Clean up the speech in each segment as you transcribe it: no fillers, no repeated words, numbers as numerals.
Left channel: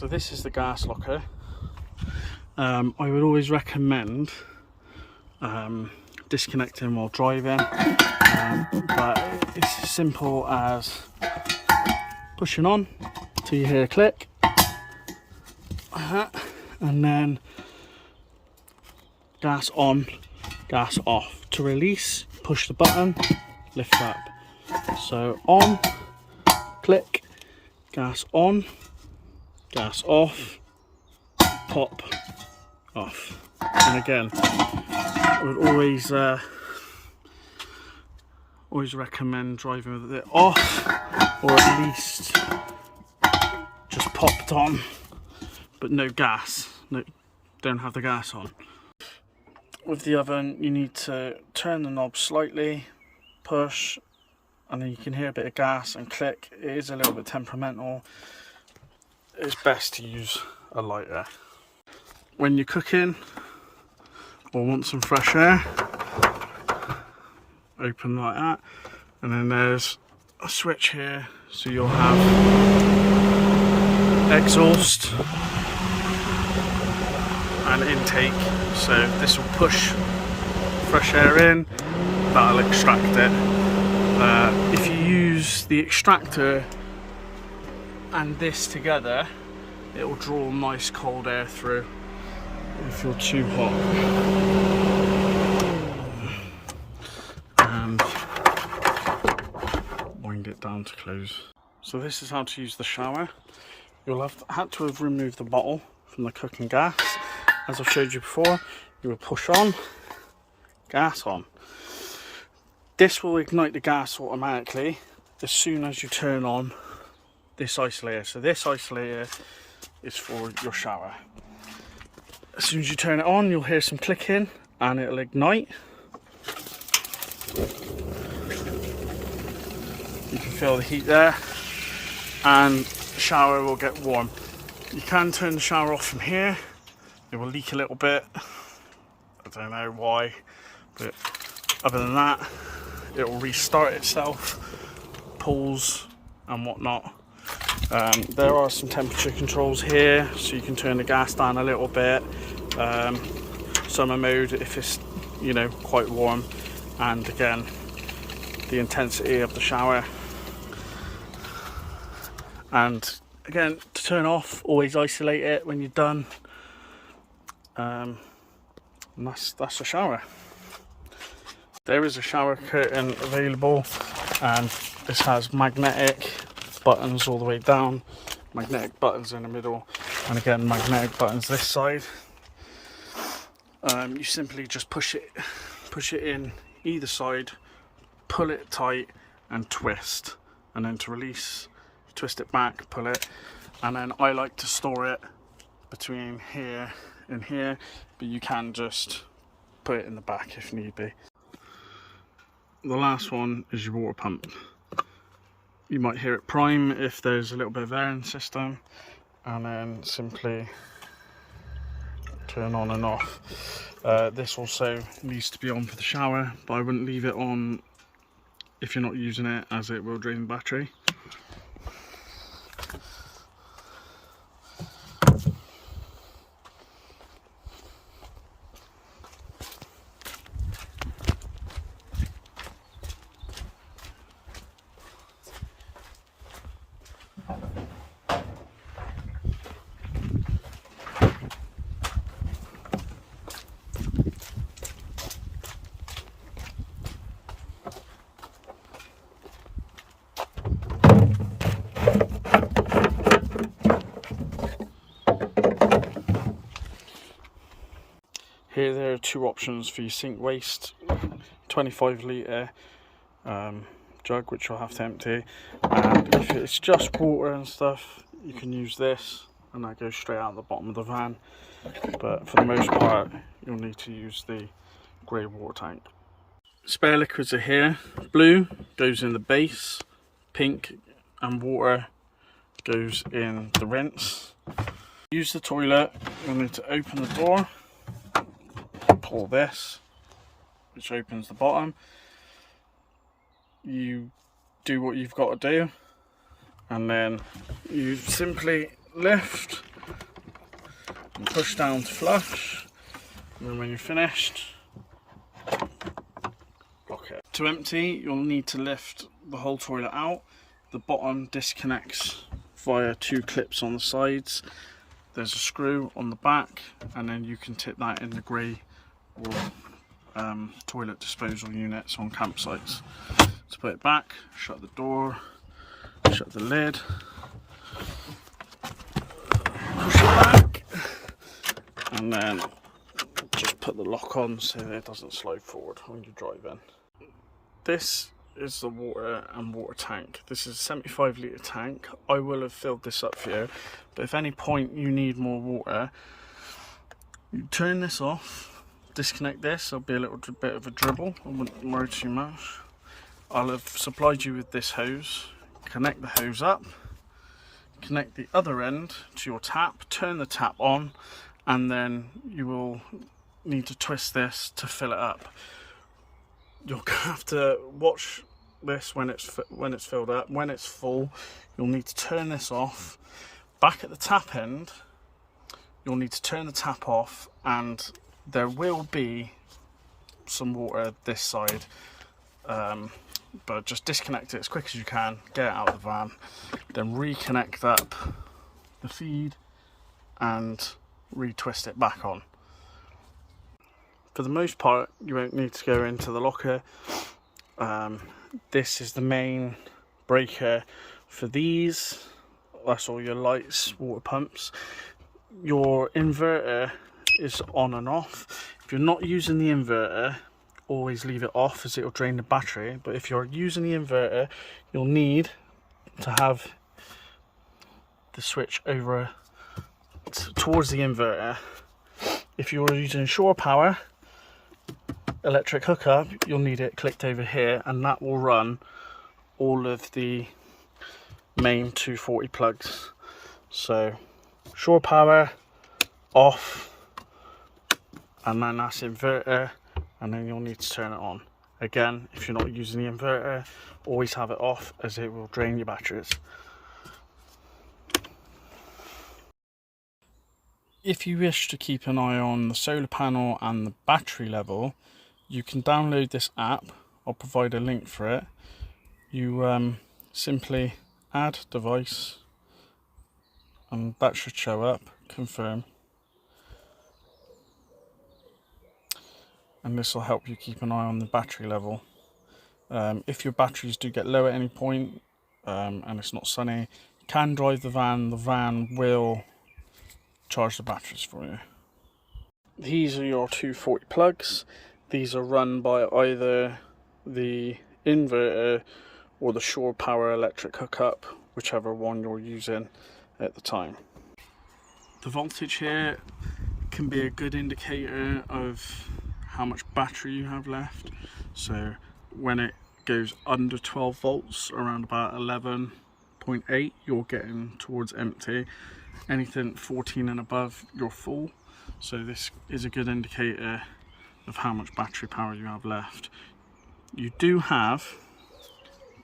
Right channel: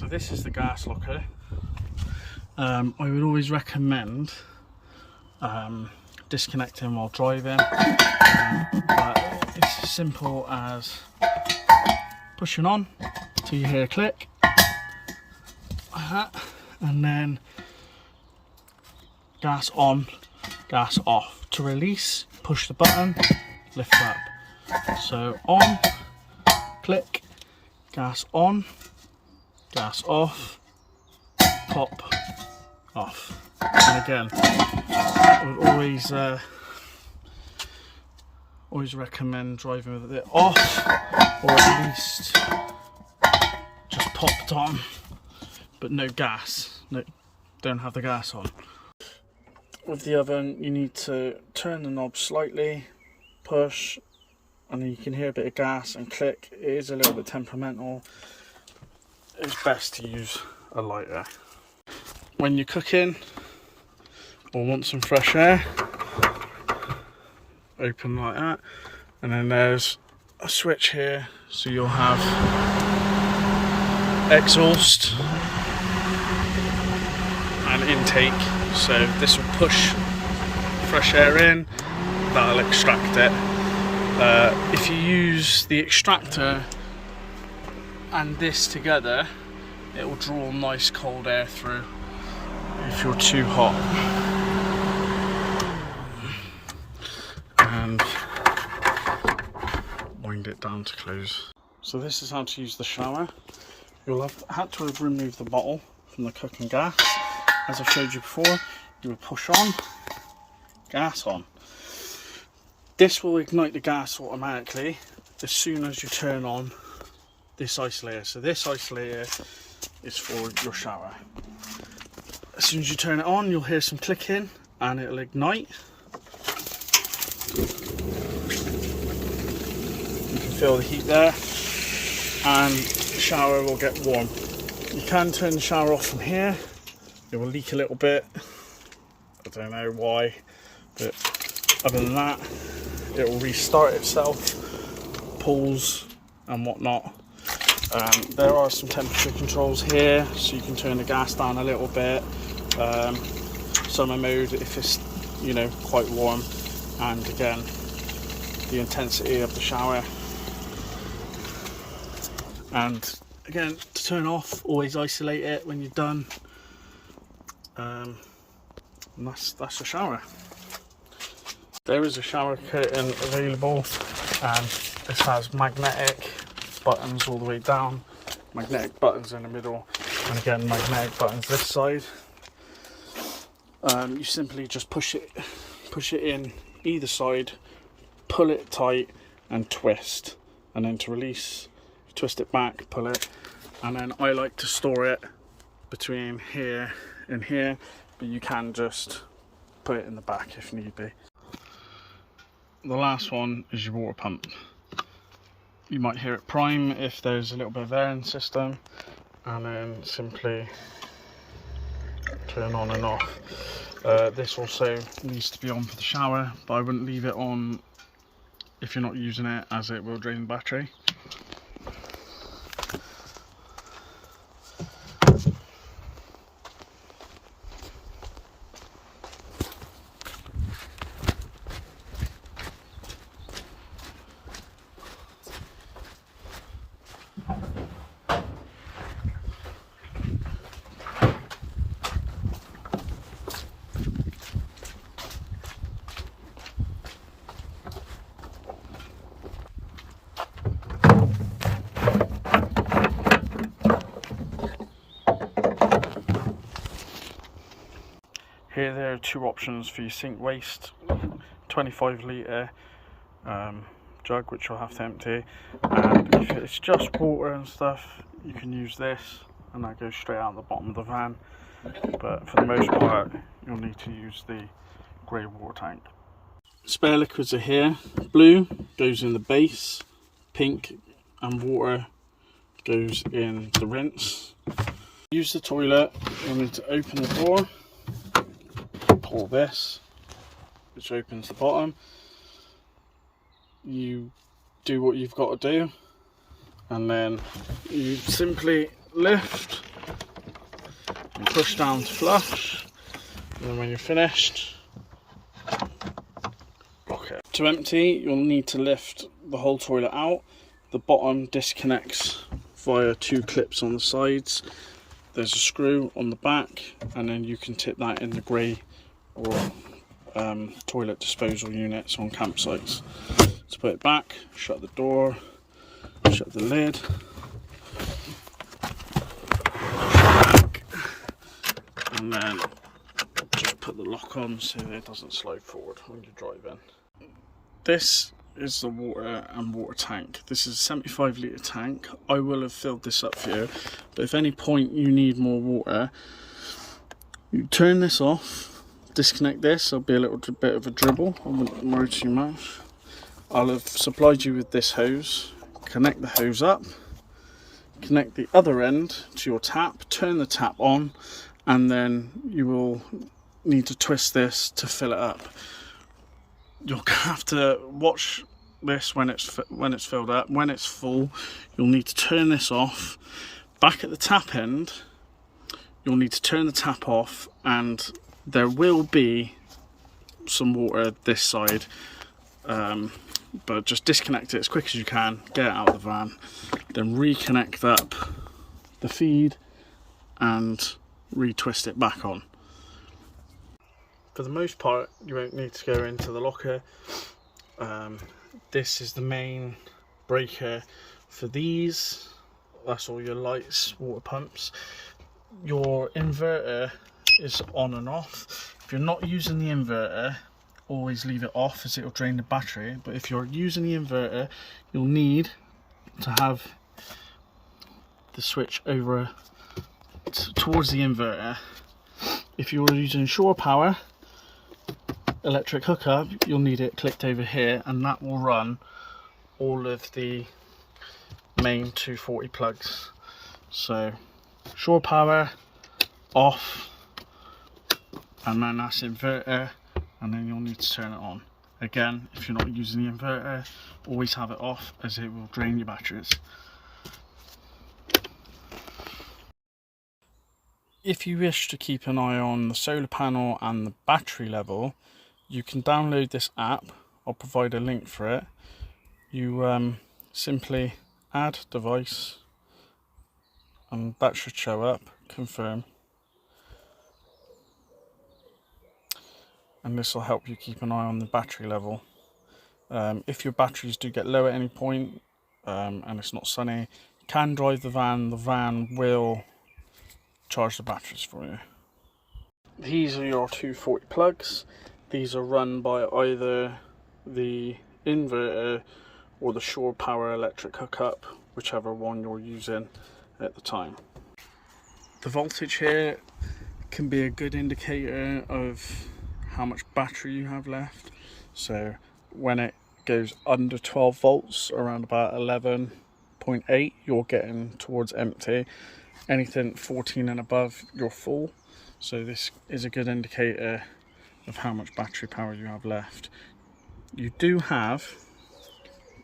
So this is the gas locker. I would always recommend disconnecting while driving, but it's as simple as pushing on till you hear a click, and then gas on, gas off. To release, push the button, lift up. So on, click, gas on, gas off, pop, off. And again, I would always recommend driving with it off, or at least just popped on, but no gas. No, don't have the gas on. With the oven, you need to turn the knob slightly, push, and then you can hear a bit of gas and click. It is a little bit temperamental. It's best to use a lighter. When you're cooking or want some fresh air, open like that, and then there's a switch here, so you'll have exhaust and intake. So this will push fresh air in, that'll extract it. If you use the extractor and this together, it will draw nice cold air through if you're too hot. And wind it down to close. So this is how to use the shower. You'll have had to remove the bottle from the cooking gas. As I've showed you before, you will push on, gas on. This will ignite the gas automatically as soon as you turn on this isolator. So this isolator is for your shower. As soon as you turn it on, you'll hear some clicking and it'll ignite. You can feel the heat there, and the shower will get warm. You can turn the shower off from here. It will leak a little bit. I don't know why, but other than that, it will restart itself, pulls and whatnot. There are some temperature controls here, so you can turn the gas down a little bit. Summer mode if it's, you know, quite warm, and again, the intensity of the shower. And again, to turn off, always isolate it when you're done. And that's a shower. There is a shower curtain available, and this has magnetic buttons all the way down, magnetic buttons in the middle, and again magnetic buttons this side. You simply just push it in either side, pull it tight and twist, and then to release, you twist it back, pull it, and then I like to store it between here and here, but you can just put it in the back if need be. The last one is your water pump. You might hear it prime if there's a little bit of air in the system, and then simply turn on and off. This also needs to be on for the shower, but I wouldn't leave it on if you're not using it, as it will drain the battery. Here there are two options for your sink waste: 25 litre jug, which you'll have to empty, and if it's just water and stuff, you can use this, and that goes straight out the bottom of the van. But for the most part, you'll need to use the grey water tank. Spare liquids are here. Blue goes in the base, pink and water goes in the rinse. Use the toilet, you'll need to open the door, pull this, which opens the bottom. You do what you've got to do, and then you simply lift and push down to flush, and then when you're finished, lock it. To empty, you'll need to lift the whole toilet out. The bottom disconnects via 2 clips on the sides. There's a screw on the back, and then you can tip that in the grey or toilet disposal units on campsites. To put it back, shut the door, shut the lid, push it back, and then just put the lock on so it doesn't slide forward when you're driving. This is the water and water tank. This is a 75 litre tank. I will have filled this up for you, but if at any point you need more water, you turn this off, disconnect this. There'll be a little bit of a dribble, I wouldn't worry too much. I'll have supplied you with this hose. Connect the hose up, connect the other end to your tap, turn the tap on, and then you will need to twist this to fill it up. You'll have to watch this when it's filled up. When it's full, you'll need to turn this off. Back at the tap end, you'll need to turn the tap off, and there will be some water this side, but just disconnect it as quick as you can, get it out of the van, then reconnect up the feed and retwist it back on. For the most part, you won't need to go into the locker. This is the main breaker for these. That's all your lights, water pumps. Your inverter is on and off. If you're not using the inverter, always leave it off as it will drain the battery. But if you're using the inverter, you'll need to have the switch over towards the inverter. If you're using shore power electric hookup, you'll need it clicked over here, and that will run all of the main 240 plugs. So shore power off, and then that's inverter, and then you'll need to turn it on. Again, if you're not using the inverter, always have it off as it will drain your batteries. If you wish to keep an eye on the solar panel and the battery level, you can download this app. I'll provide a link for it. You simply add device, and that should show up, confirm. And this will help you keep an eye on the battery level. If your batteries do get low at any point and it's not sunny, you can drive the van will charge the batteries for you. These are your 240 plugs. These are run by either the inverter or the shore power electric hookup, whichever one you're using at the time. The voltage here can be a good indicator of how much battery you have left. So when it goes under 12 volts, around about 11.8, you're getting towards empty. Anything 14 and above, you're full. So this is a good indicator of how much battery power you have left. You do have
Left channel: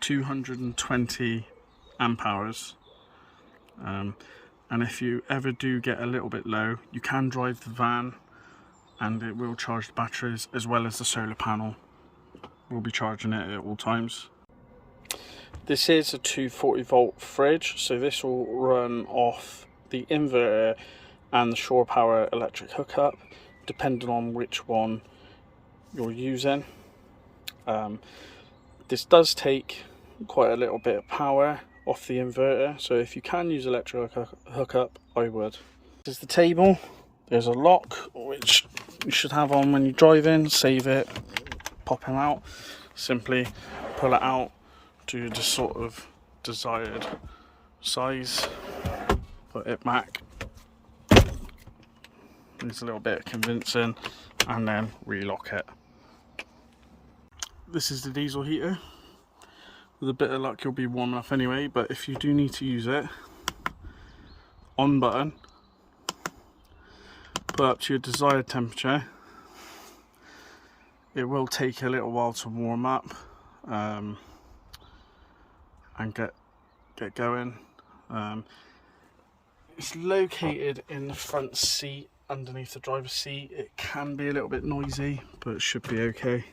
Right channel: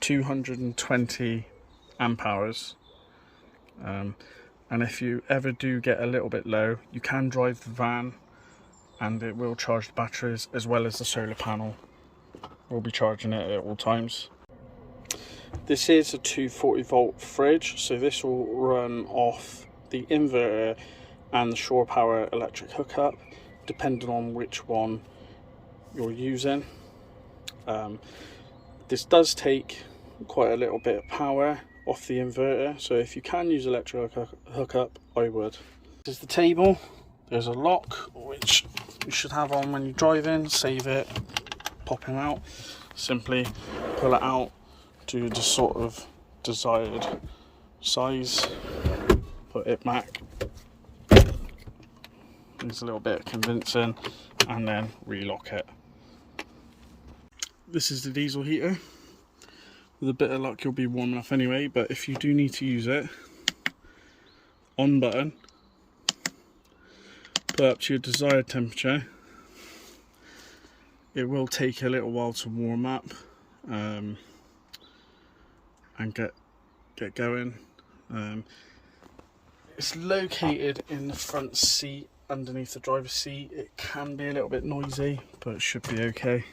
220 amp hours, and if you ever do get a little bit low, you can drive the van and it will charge the batteries, as well as the solar panel will be charging it at all times. This is a 240 volt fridge, so this will run off the inverter and the shore power electric hookup, depending on which one you're using. This does take quite a little bit of power off the inverter, so if you can use electric hookup, I would. This is the table. There's a lock which you should have on when you drive in. Save it, popping out. Simply pull it out to the sort of desired size, put it back. Needs a little bit of convincing, and then relock it. This is the diesel heater. With a bit of luck, you'll be warm enough anyway, but if you do need to use it, on button, put up to your desired temperature. It will take a little while to warm up and get going. It's located in the front seat underneath the driver's seat. It can be a little bit noisy, but it should be okay.